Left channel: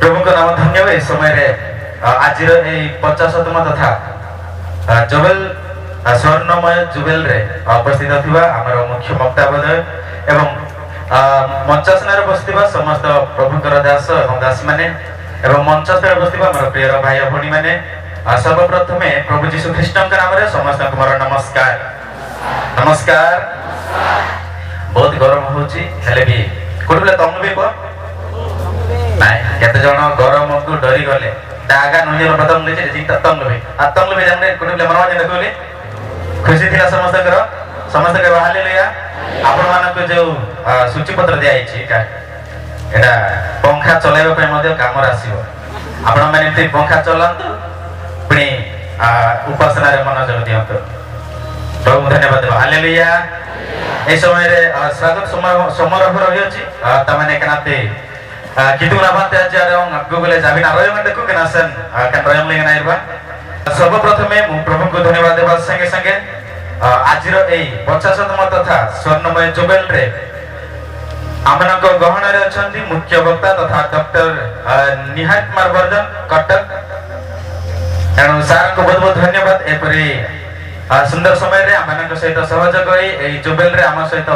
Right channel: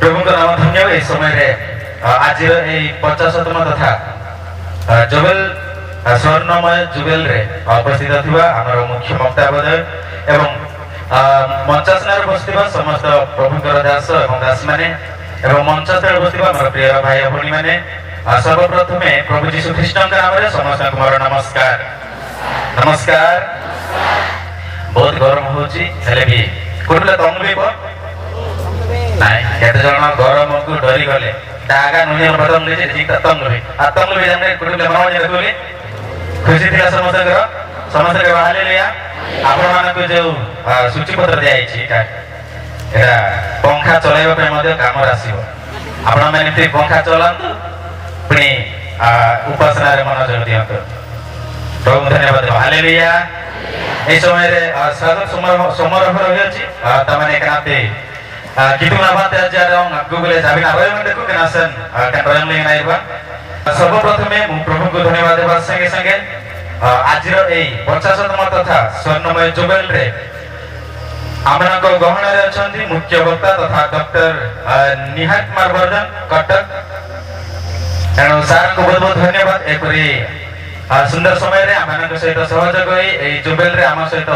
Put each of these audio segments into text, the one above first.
प्रभु को नाम धन्यवाद इस समय आज 50तम तथा जुबेल स्वर्णमय जुबेल रे उपस्थित थिबा हमर मुख्य वक्ताबोधय एवं मंचासनार उपस्थित समस्त प्रभुकर दास एवं दास माने एवं मंचस्थल उपस्थित हमर प्रिय भाई भणी माने सर्वप्रथमे प्रभु जीशु ख्रीष्टଙ୍କ नाम रे समस्त मोर नमस्कार नमस्कार। बहुत गरम होची हेले भी कोनले तंग भी को नाही केते जण गरम को डरी गले दागा नुनिर बदम ले जी तंग भी जाने कोनले मनवा जने कोले खुशी थिला समस्त के हालेलुया। आपण मान को जो सूची पत्र दिया आइछि का एटा पंखा चलाइबा पे मध्ये काम आसीबो आपण माने ते पंखा चलांतु पुनी उपासना रे मनोयोग दियंतु प्रभु धन्यवाद हालेलुया। ए समय रे स्वागत समारोह रही अछि त माने कनाते कितु नाबाते आजारं गूगल जाबिना रयम देखु कनासन कन रयम लिंग नाइबा सर्वप्रथमे मु प्रभु को धन्यवाद देबा संगे संगे आजिर ए 50तम तथा स्वर्णमय जुबेल रे आमनक गहन रे अछंती मुख्य वक्ता तथा डॉक्टर निहाल कुमार वर्धन कटक एनु सार को बहुत बहुत धन्यवाद एपरी सुंदर समय रे आमनक सहित सहयोग होई ए जुबेल रे आम सहित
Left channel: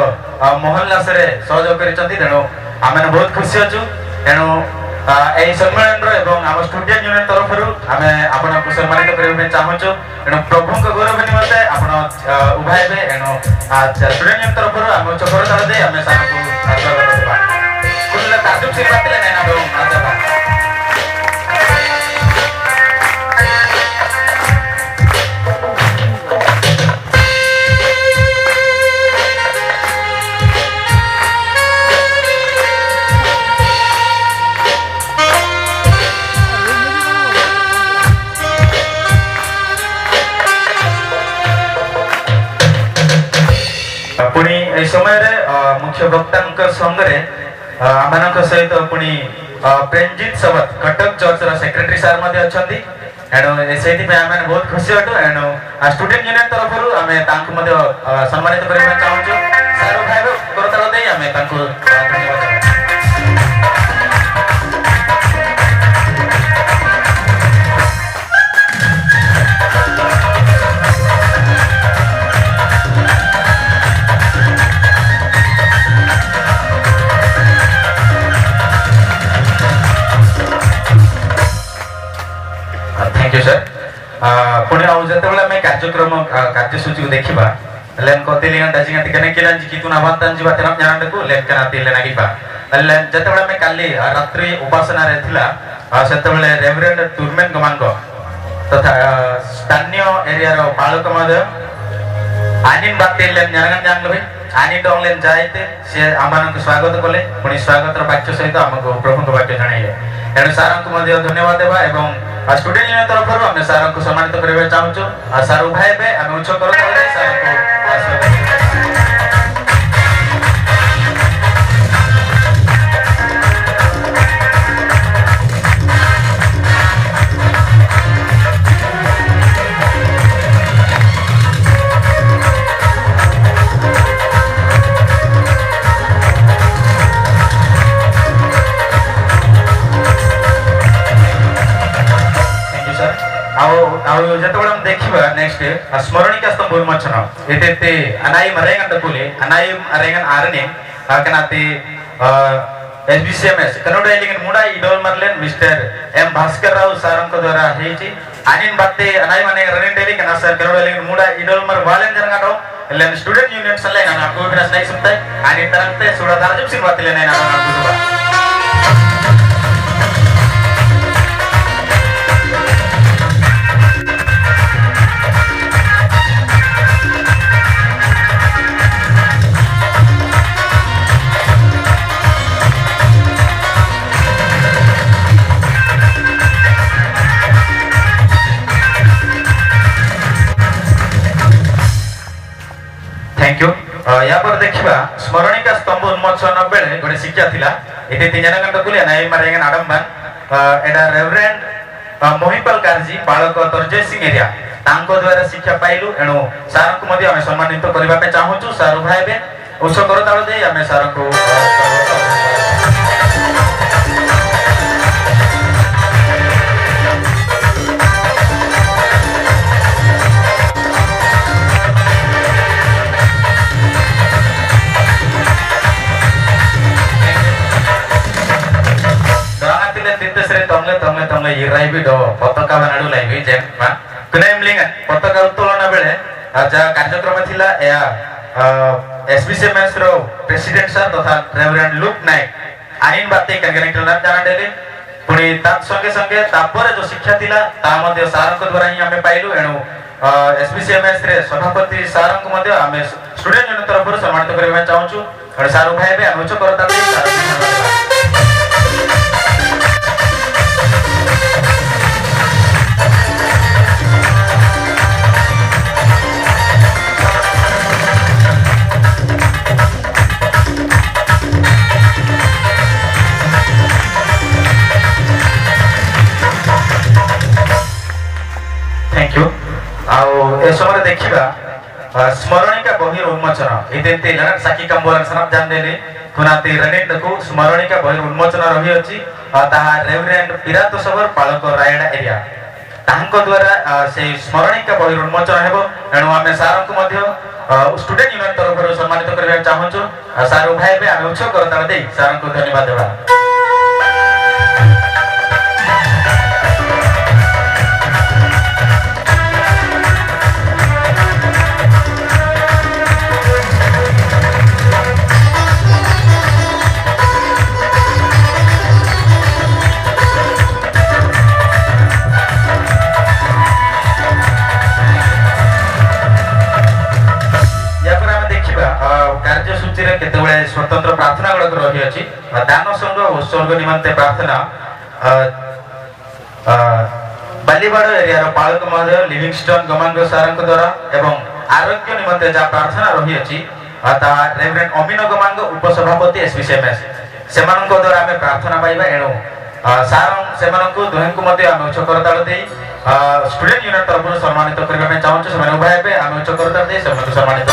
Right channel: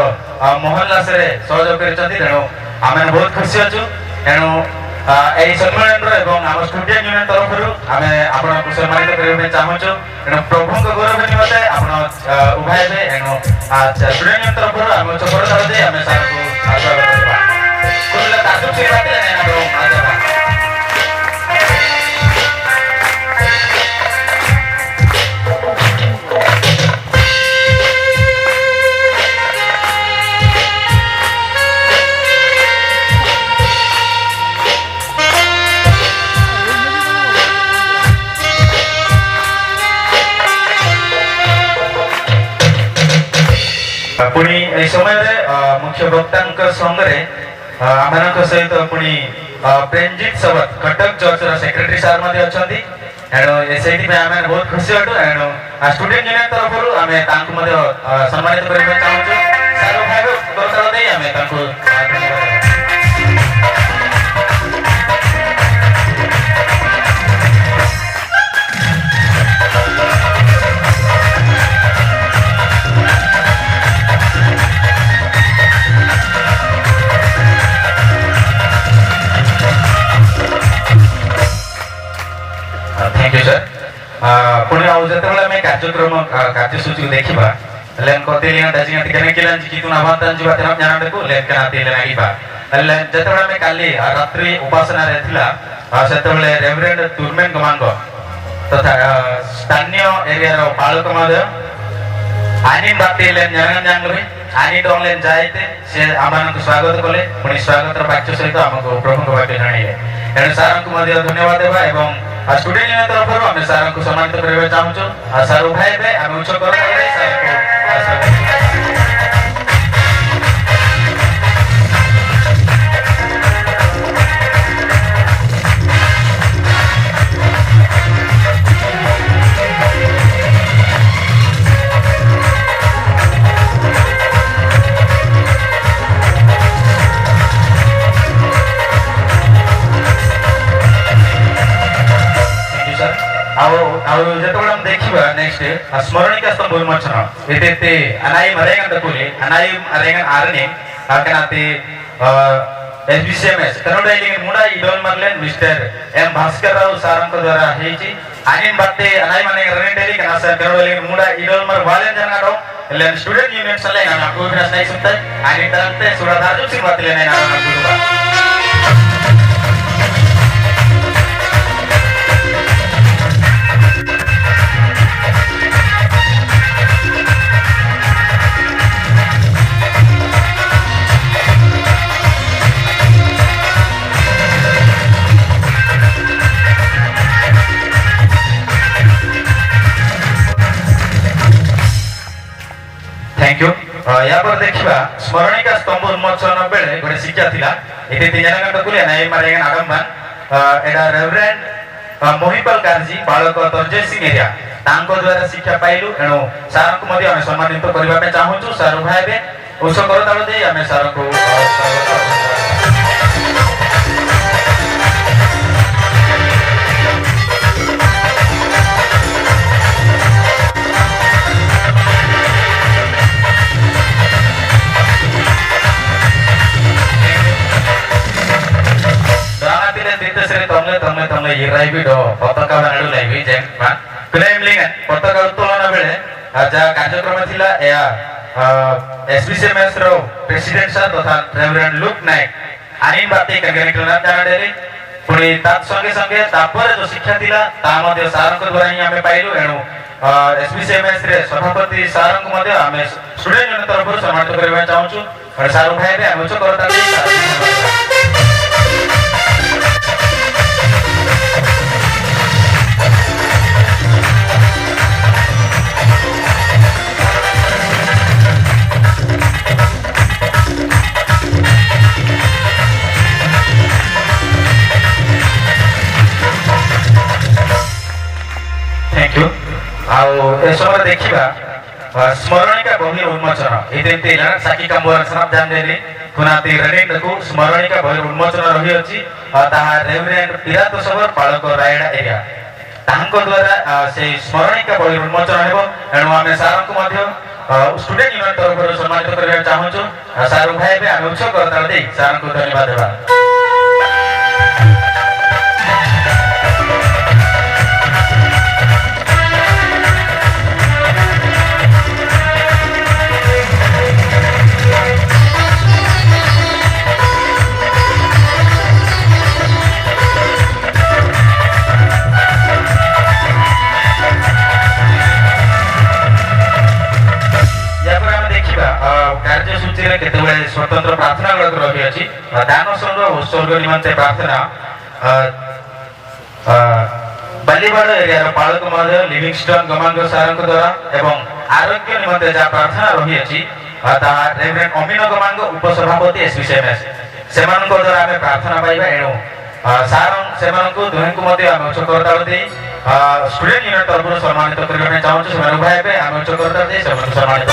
मोहल्लास रे सहयोग करिसंती तेनु आमन बहुत खुशी अछु। एनु ए सम्मेलन एवं आम स्टूडेंट यूनियन तरफ आमे आपण को सम्मानित करबे चाहछु। एनु प्रभु को गौरव निमते आपण उभाइबे एनु स्टूडेंट यूनियन तरफ आम चपर ताळ दे आमे सार को स्वागत करबा कुनला ताजुब से बातले नै आबो आजा पुणी ए समय रे मुख्य वक्तांक संगरे आमनक सहित पुणी प्रेमजीत सबत कटक चर्च रा सेक्रेटरी सार मध्ये अछंती एनो एसेती पे आमे बहुत खुशी हटो। एनो स्टूडेंट यूनियन तरफरु आमे तांकु मध्ये सम्मानित करबा चाहूछु। सारो भाइरो करताळ देई आमे तांकु धन्यवाद। पुणे जतबेला मैं कार्यक्रम कार्यसूची को देखिबा लेन कते लियन दाजिंगा तिकने केलन जी कितु नाबांतन जीवा तेना जानडको लेन कना तिले नागिबा लेन जतबेला मैं काली रात्रि उपासना रे थिला सेतबेले रेवरेंड टूरमेन गमांग तथा स्थानीय एरिया रो बालक मध्ये आनिन बाते लेन जानन जानलबे आनी डोंगलेन जायते से आमान को स्वागत कले पुणी स्वागत रो वाक्य सहित हमको प्रभु को वाक्य जणाइले एनु सारन को मध्ये धन्यवाद देबा एवं स्टूडेंट यूनियन तरफ हम सार को सम्मानित करबे चाहूछु। सार भाई बे हम उच्च कर सार को जतबेला हम देखिबा नेक्स्ट स्मरणिका स्तंभ उन्मोचन एते अनाई मरेगन तकुले अनाई मरेगन आरने कनाते एसबीसीएमएस कनोड एलिगन मुडा इडोल मरलेन मिस्टर एम भास्कर राव सारंग को द्वारा हेची आनिन बाते अनाई माने रने डेली कना सर कनोड एलिगन मुडा इडोल मर वालेन जरगाडो लेन स्टूडेंट यूनियन सले ना आपको बिना नहीं सुनते आनिन तरंते सुड़ा दार्जुक सिंह बातले नहीं ना आपको थैंक यू। या पर देखिबा स्मरणिका स्तंभ उन्मोचन बेले गोटे शिक्षा थिला एते तीन जना गंत कुले नाय मारेगन आडमबान एडा रेवरेंड मोहिपाल कारजी बालक तरजय सिंह एरिया तांको द्वारा शिक्षा पाइलु एणु सार को मध्ये हम सम्मानित करबा पे चाहूछु। सार भाई बे उस करताळ दे हम सार को ଆସିଲେ ତିତେଶ୍ରୀ ତମେ ଇରାଇବି ଡ ପତାକା ବାନାଡୁ ଲାଇବି ଯେମ କୁନେମଲିଙ୍ଗ ପତାକା ଉତ୍ତୋଳନ ବେଳେ ଯାହା କାର୍ଯ୍ୟକ୍ରମ ଥିଲା ଏହା SBCMS ର ପ୍ରେସିଡେଣ୍ଟ ସାର୍ ତଥା ରେଭରେଣ୍ଡ ଲୁକ୍ ନାୟକ ଆଇନ ବାତେ କାର୍ଯ୍ୟକ୍ରମ ଜାଣା ଦେଲେ ପୁଣି ତା ସଙ୍ଗେ ସଙ୍ଗେ ତାପରେ ଯୋଉ ଶିକ୍ଷା ଥିଲା ତା ମଧ୍ୟ ସାରଙ୍କ ଦ୍ୱାରା ହିଁ ଆମେ ପାଇଲୁ ଏଣୁ SBCMS ରେ ସଭାପତି ସାରଙ୍କୁ ମଧ୍ୟ ଆମେ ଷ୍ଟୁଡେଣ୍ଟ ୟୁନିୟନ ତରଫରୁ ସମ୍ମାନିତ କରିବା ପାଇଁ ଚାହୁଁଛୁ ସାର ଭାଇ ବି ଆମେ ଉଚ୍ଚ କରତା ଦେଇ थैंक यू ଆଉ ଏ ସମୟରେ ଦେଖିବା ସ୍ମରଣିକା ବହିର ଉନ୍ମୋଚନ ଏଇଠି ସାକ୍ଷୀ କାମ୍ବୋର ସନାତ ଜାନଦେଲି କୁନାତି ରେନିଣ୍ଡକୁ ସ୍ମରଣିକା ବହିର ଉନ୍ମୋଚନ ରହିଅଛି ତାହା ରେଭରେଣ୍ଡ ପିରାତ ସବର ପାଳକ ରାୟଡା ଏରିଆ ତାଙ୍କ ଦ୍ୱାରା ସେଇ ସ୍ମରଣିକା ବହିର ଉନ୍ମୋଚନ ହେବ ଏଣୁ ଆମେ ସାରଙ୍କୁ ମଧ୍ୟ ଷ୍ଟୁଡେଣ୍ଟ ୟୁନିୟନ ତରଫରୁ ସମ୍ମାନିତ କରିବାକୁ ଚାହୁଁଛୁ ସାର ଭାଇ ଏବେ ଆମେ ଉଚ୍ଚ କରତାଳ ଦେଇ ସାରଙ୍କୁ ଧନ୍ୟବାଦ ଦେବା केतबेले स्वतंत्र प्रार्थना गुड़क रही अच्छी दान संग्रह उत्सर्ग निमंते प्रार्थना बालीबाड़ एरिया पालक महोदय लिविंगस्टन गमांग सार द्वारा एवं आरोग्य निमंते जहाँ प्रार्थना रही अच्छी रेवरेंड अमीन गमांग उपसभापति SBCMS से द्वारा आम प्रार्थना पाइबा एणु सार से दुहे उच्च करताल स्टूडेंट यूनियन तरफ सम्मानित करने चाहूँ से उभय आम उच्च करताल सम्मानित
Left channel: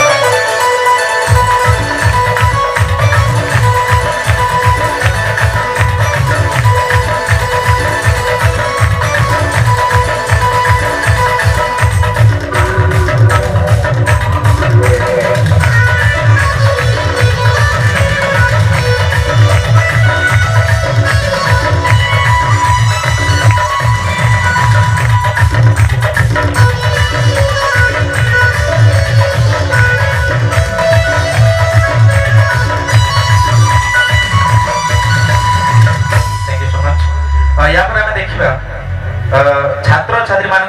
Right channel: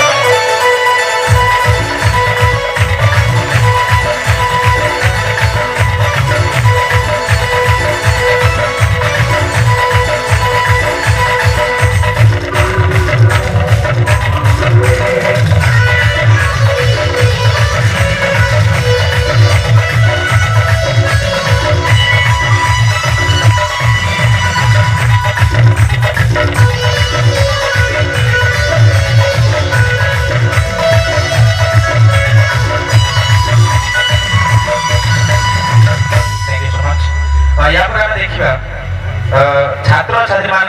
छात्र छात्री मान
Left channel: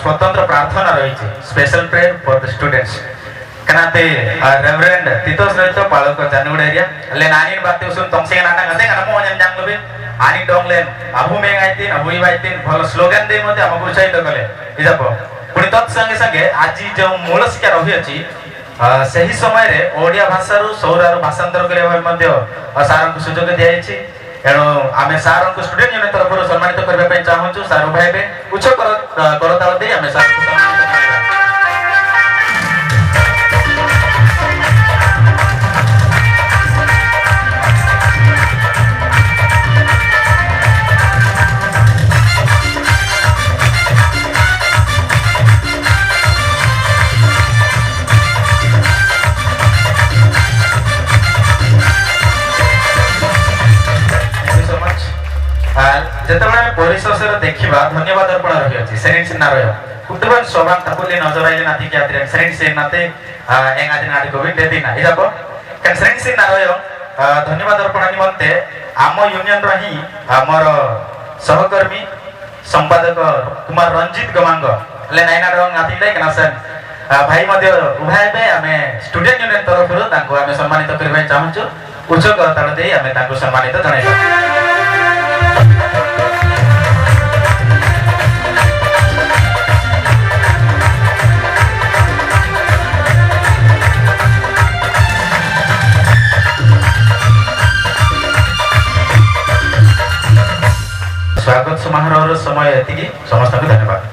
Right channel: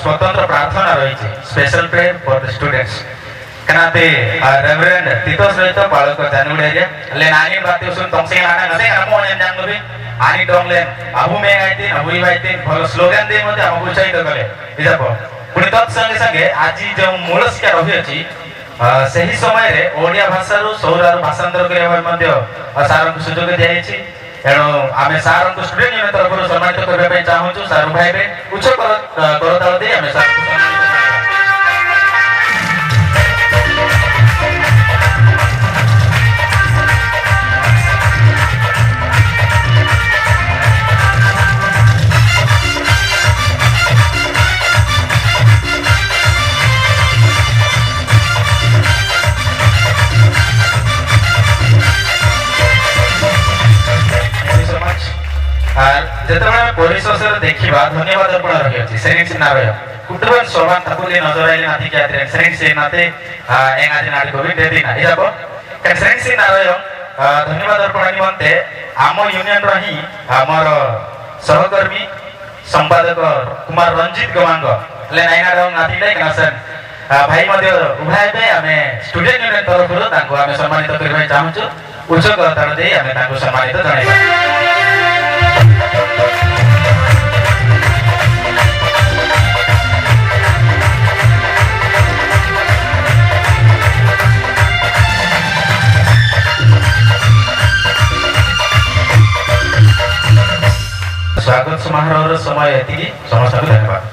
स्वतंत्र प्रार्थना रही special prayer for the students कनाते रेवरेंड तितोस रहित पालक जानुगुड़ एरिया ले नानी बात सुन तमसे नाना गते नमो जन लबे आनी डोंगलेन अबु मे आइते अबु इवाइते भलो स्लोगन दे मते हम उत्साहित कले इजाप पुनी तत् संगे संगे आज जो मूल शिक्षा रही अछि सही समय रे ओडिया भाषा रु सौरार भाषांतर करबा मध्य सार को सुयोग दियाइछि एणु आम सार को स्टूडेंट यूनियन तरफ सम्मानित करने चाहूँ सार भाई उच्च करताल दे आम सार को जेतबेले परिशेष देखिबा धन्यवाद अर्पण रही अछि सेनिंग सिनारय कुटबन सोबान तपुले नजर आइले नाति क्यात्रे सेनिंग से नाते एंगादि नाति कोविड देदी ना इजाबो कन सेनिंग सिनारय धन्यवाद अर्पण निमंते आम यूनियन रही हमर सहकर्मी संपादक कुमार रंजित गमांग ले नाइना डंग नाति ले कनसन भाई मध्य उभय पे आमे स्टूडेंट यूनियन तरफ तांको आमे सम्मानित करबा चाहूछु उच्च करताल दे आमे तांको सम्मानित जणाइबा स्वागत समारोह समय समस्त धन्यवाद।